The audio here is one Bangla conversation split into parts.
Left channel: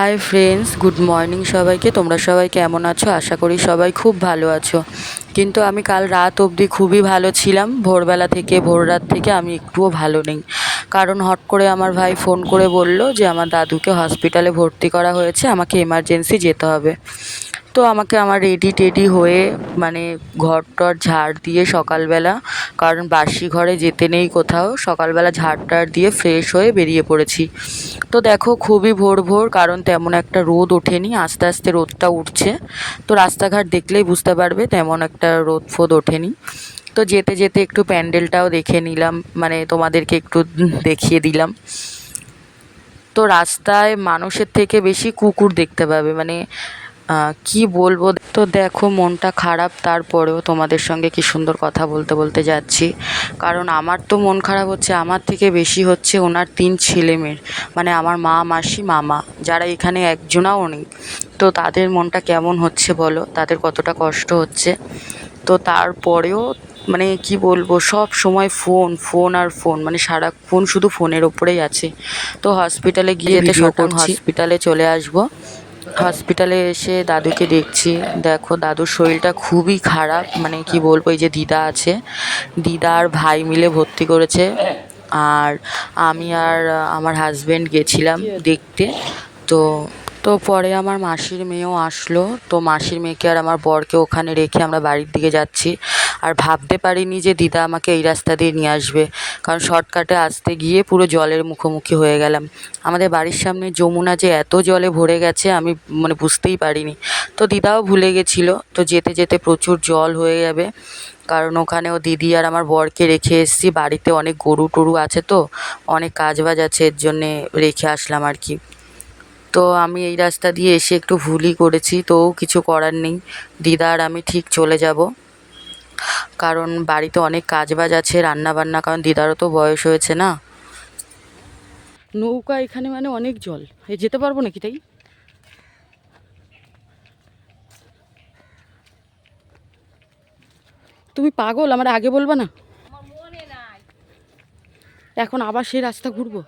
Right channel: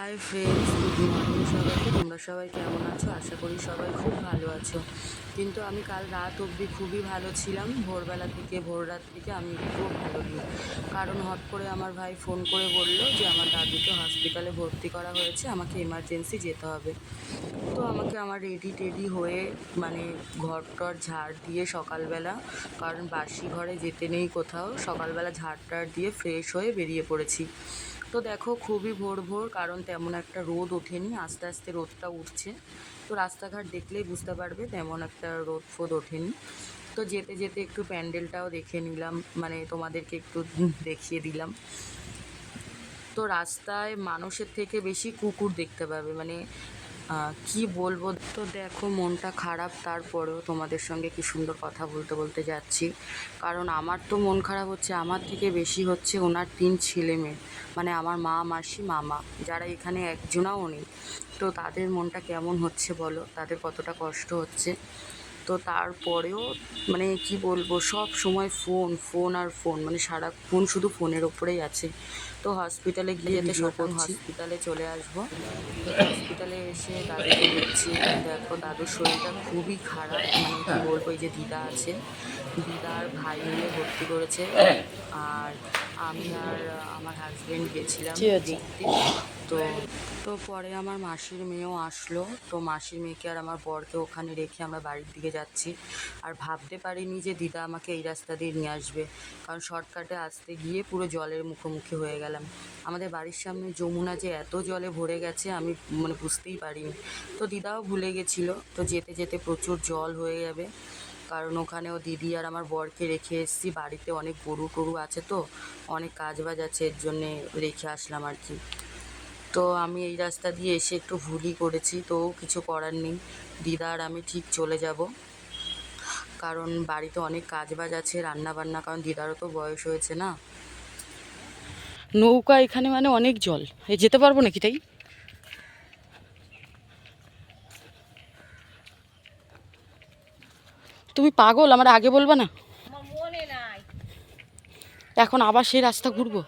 হাই ফ্রেন্ডস গুড মর্নিং সবাইকে। তোমরা সবাই কেমন আছো? আশা করি সবাই খুব ভালো আছো। কিন্তু আমি কাল রাত অবধি খুবই ভালো ছিলাম। ভোরবেলা থেকে, ভোর রাত থেকে আমি একটুও ভালো নেই। কারণ হট করে আমার ভাই ফোন করে বলল যে, আমার দাদুকে হসপিটালে ভর্তি করা হয়েছে। আমাকে এমার্জেন্সি যেতে হবে। তো আমাকে আমার রেডি টেডি হয়ে মানে ঘর টর ঝাড় দিয়ে সকালবেলা, কারণ বাসি ঘরে যেতে নেই কোথাও, সকালবেলা ঝাড় টাড় দিয়ে ফ্রেশ হয়ে বেরিয়ে পড়েছি। তো দেখো খুবই ভোর ভোর, কারণ তেমন একটা রোদ ওঠেনি, আস্তে আস্তে রোদটা উঠছে। তো রাস্তাঘাট দেখলেই বুঝতে পারবে তেমন একটা রোদ ফোদ ওঠেনি। তো যেতে যেতে একটু প্যান্ডেলটাও দেখে নিলাম মানে তোমাদেরকে একটু দেখিয়ে দিলাম। তো রাস্তায় মানুষের থেকে বেশি কুকুর দেখতে পাবে মানে কি বলব? তো দেখো মনটা খারাপ তারপরেও তোমাদের সঙ্গে কি সুন্দর কথা বলতে বলতে যাচ্ছি। কারণ আমার তো মন খারাপ হচ্ছে আমার থেকে বেশি হচ্ছে ওনার তিন ছেলে মেয়ের মানে আমার মা মাসি মামা যারা এখানে একজনাও নেই। তো তাদের মনটা কেমন হচ্ছে বলো? তাদের কতটা কষ্ট হচ্ছে? তো তারপরেও মানে কি বলব সব সময় ফোন ফোন আর ফোন মানে সারাক্ষণ শুধু ফোনের ওপরেই আছে। তো হসপিটালে গিয়ে ভিডিওটা হসপিটালে চলে আসব। হসপিটালে এসে দাদুকে দেখছি। দেখো, দাদুর শরীরটা খুবই খারাপ মানে কি বলব, এই যে দিদা আছে। দিদা আর ভাই মিলে ভর্তি করেছে। আর আমি আর আমার হাজব্যান্ড গেছিলাম দেখতে। তো তো পরে আমার মাসির মেয়েও আসলো। তো মাসির মেয়েকে আর আমার বরকে ওখানে রেখে আমরা বাড়ির দিকে যাচ্ছি। আর ভাবতে পারিনি যে দিদা আমাকে এই রাস্তা দিয়ে নিয়ে আসবে। কারণ শর্টকাটে আসতে গিয়ে পুরো জলের মুখোমুখি হয়ে গেলাম। আমাদের বাড়ির সামনে যমুনা যে এত জলে ভরে গেছে, আমি মানে বুঝতেই পারিনি। তো দিদাও ভুলে গেছিল। তো যেতে যেতে প্রচুর জল হয়ে যাবে। কারণ ওখানেও দিদি আর আমার বরকে রেখে এসেছি। বাড়িতে অনেক গরু টরু আছে তো, অনেক কাজ বাজ আছে, এর জন্যে রেখে আসলাম আর কি। তো আমি এই রাস্তা দিয়ে এসে একটু ভুলই করেছি তো কিছু করার নেই। দিদা আর আমি ঠিক চলে যাব। কারণ বাড়িতে অনেক কাজ বাজ আছে রান্না বান্না কারণ দিদারও তো বয়স হয়েছে না। নৌকা এখানে মানে অনেক জল। এ যেতে পারব নাকি তাই? তুমি পাগল আমার আগে বলবা না? এখন আবার সেই রাস্তা ঘুরবো?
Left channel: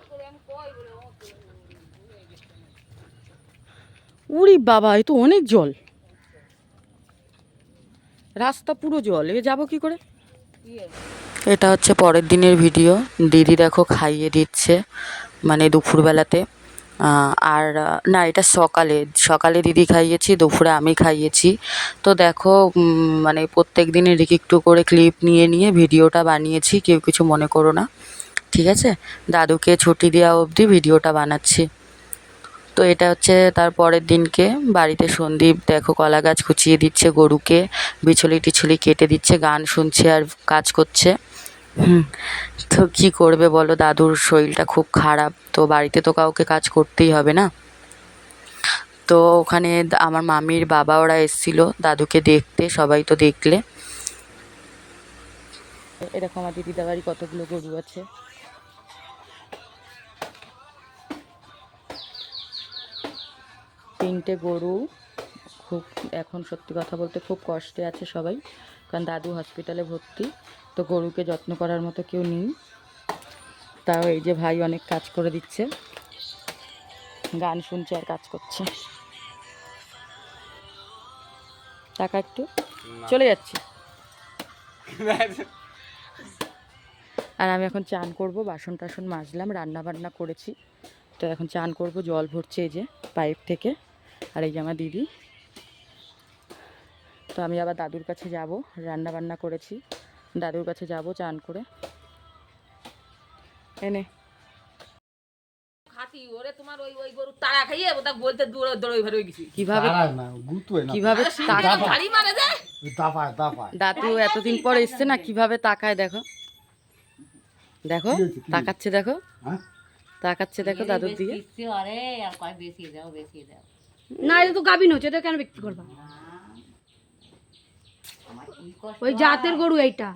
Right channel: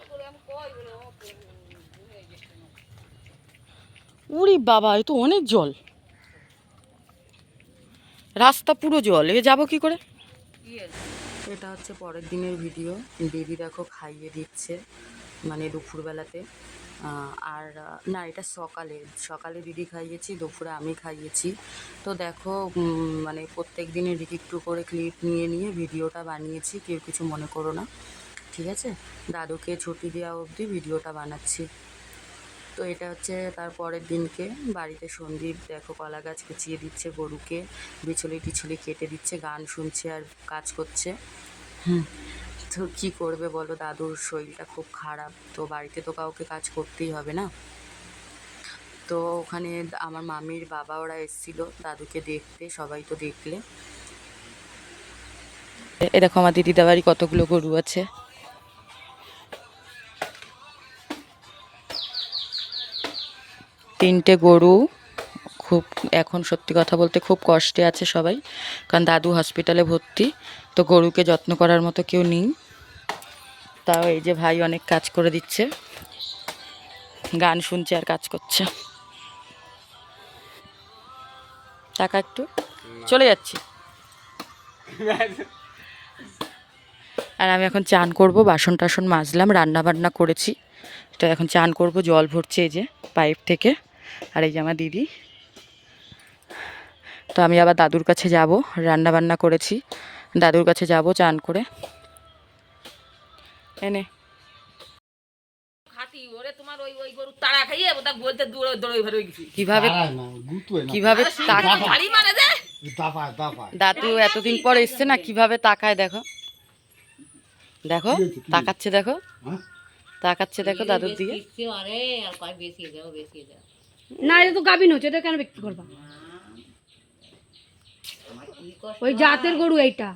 উরি বাবা, এ তো অনেক জল। রাস্তা পুরো জল, এ যাব কি করে? এটা হচ্ছে পরের দিনের ভিডিও। দিদি দেখো খাইয়ে দিচ্ছে মানে দুপুরবেলাতে। আর, না, এটা সকালে। সকালে দিদি খাইয়েছি, দুপুরে আমি খাইয়েছি। তো দেখো মানে প্রত্যেক দিনের একটু একটু করে ক্লিপ নিয়ে নিয়ে ভিডিওটা বানিয়েছি, কেউ কিছু মনে করো না। ঠিক আছে? দাদুকে ছুটি দেওয়া অবধি ভিডিওটা বানাচ্ছি। তো এটা হচ্ছে তার পরের দিনকে। বাড়িতে সন্দীপ দেখো কলা গাছ কুচিয়ে দিচ্ছে গরুকে, বিছলি টিছলি কেটে দিচ্ছে, গান শুনছে আর কাজ করছে। হুম, তো কী করবে বলো? দাদুর শরীরটা খুব খারাপ, তো বাড়িতে তো কাউকে কাজ করতেই হবে না? তো ওখানে আমার মামির বাবা ওরা এসেছিল দাদুকে দেখতে, সবাই তো দেখলে। এরকম আমার দিদিদা বাড়ি কতগুলো গরু আছে। তিনটে গরু খুব এখন সত্যি কথা বলতে খুব কষ্টে আছে সবাই কারণ দাদু হসপিটালে ভর্তি তো গরুকে যত্ন করার মতো কেউ নেই। তাও এই যে ভাই অনেক কাজ করে দিচ্ছে গান শুনছে আর কাজ করছে। টাকা একটু? চলে যাচ্ছি। আর আমি এখন চান করব বাসন টাসন মাজলাম রান্না বান্না করেছি তো এখন চান করব জল ভরছে এই যে পাইপ থেকে। আর এই যে আমার দিদি। তো আমি আবার দাদুর কাছে যাব রান্না বান্না করেছি। দাদুর কাছে যাব চান করে। এনে খাতি ওরে তোমার ওই ওই গরু তাড়া খাইয়ে ওটা বলতে দৌড়ে দৌড়ে বের গেছি। কীভাবে দাঁড়ায় না, গুতোয় না। কীভাবে তাক- ভারী মানে। দাদু এতদিন পর এসছে না কীভাবে তাকায় দেখো। দেখো তাকাচ্ছে দেখো। হ্যাঁ? তাকাচ্ছে দেখো দাদুর দিকে। না এটা তো গাভিন হচ্ছে এটা কেন বিক্রি করবা? ওই জাতের গরু এইটা।